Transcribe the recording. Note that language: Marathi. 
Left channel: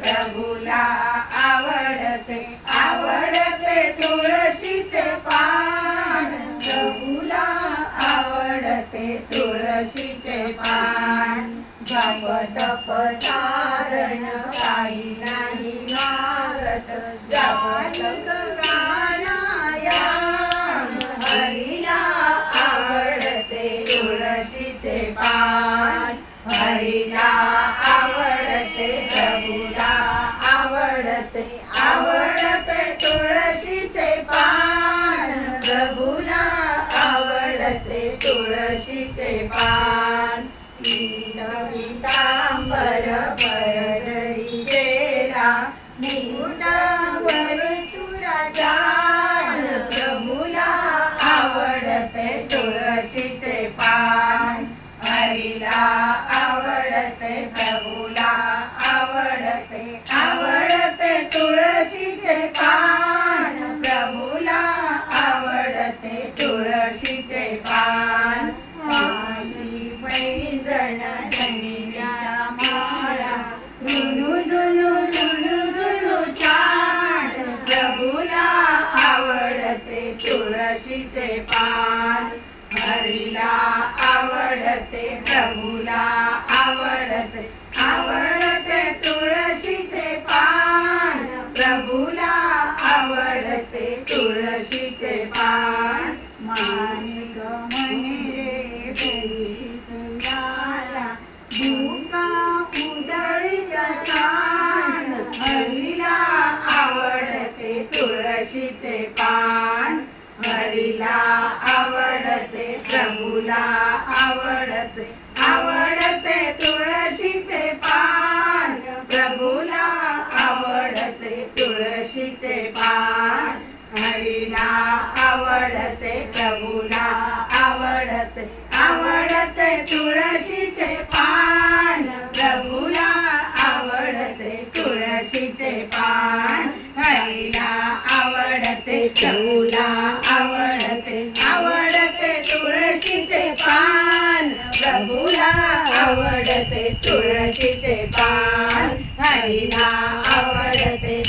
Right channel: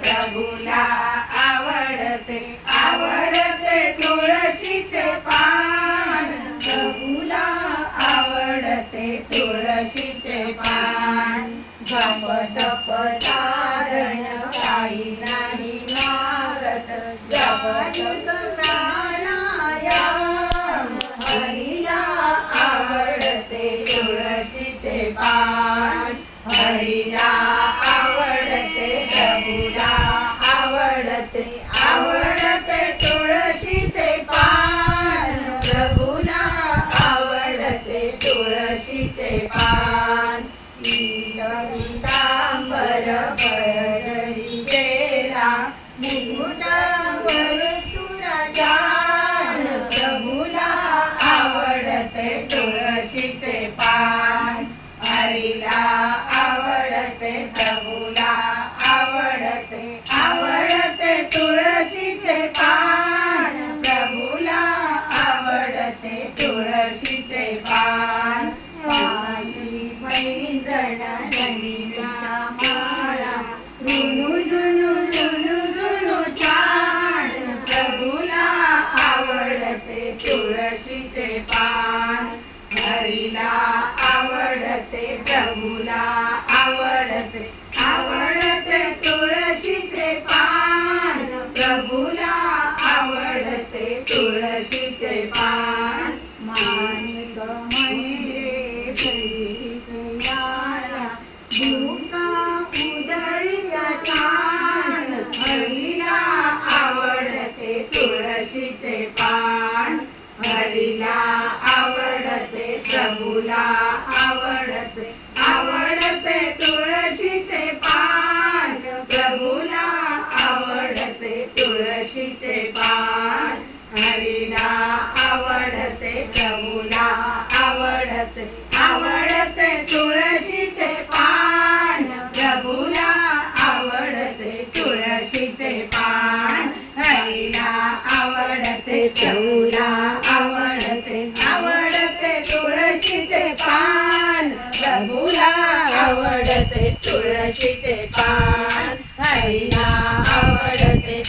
प्रभूला आवडते आवडते तुळशीचे पान प्रभूला आवडते तुळशीचे पान जप तप साधन काही नाही मागत जप प्राणायाम हरीला आवडते तुळशीचे पान हरीला आवडते प्रभूला आवडते आवडते तुळशीचे पान प्रभूला आवडते तुळशीचे पान पीतांबर परजरी शेला मुकुटावर तुराजान प्रभूला आवडते तुळशीचे पान हरीला आवडते प्रभूला आवडते आवडते तुळशीचे पान प्रभूला आवडते तुळशीचे पान पायी पैंजण नंदीच्या माळा झुणू झुणू झुणू झुणू छान प्रभूला आवडते तुळशीचे पान हरीला आवडते प्रभूला आवडते आवडते तुळशीचे पान प्रभूला आवडते तुळशीचे पान माणिक म्हणे प्रियाला भूका उधळीला छान हरीला आवडते तुळशीचे पान हरीला आवडते प्रभूला आवडते आवडते तुळशीचे पान प्रभूला आवडते तुळशीचे पान हरीला आवडते प्रभूला आवडते आवडते तुळशीचे पान प्रभूला आवडते तुळशीचे पान हरीला आवडते प्रभूला आवडते आवडते तुळशीचे पान प्रभूला आवडते तुळशीचे पान हरीला आवडते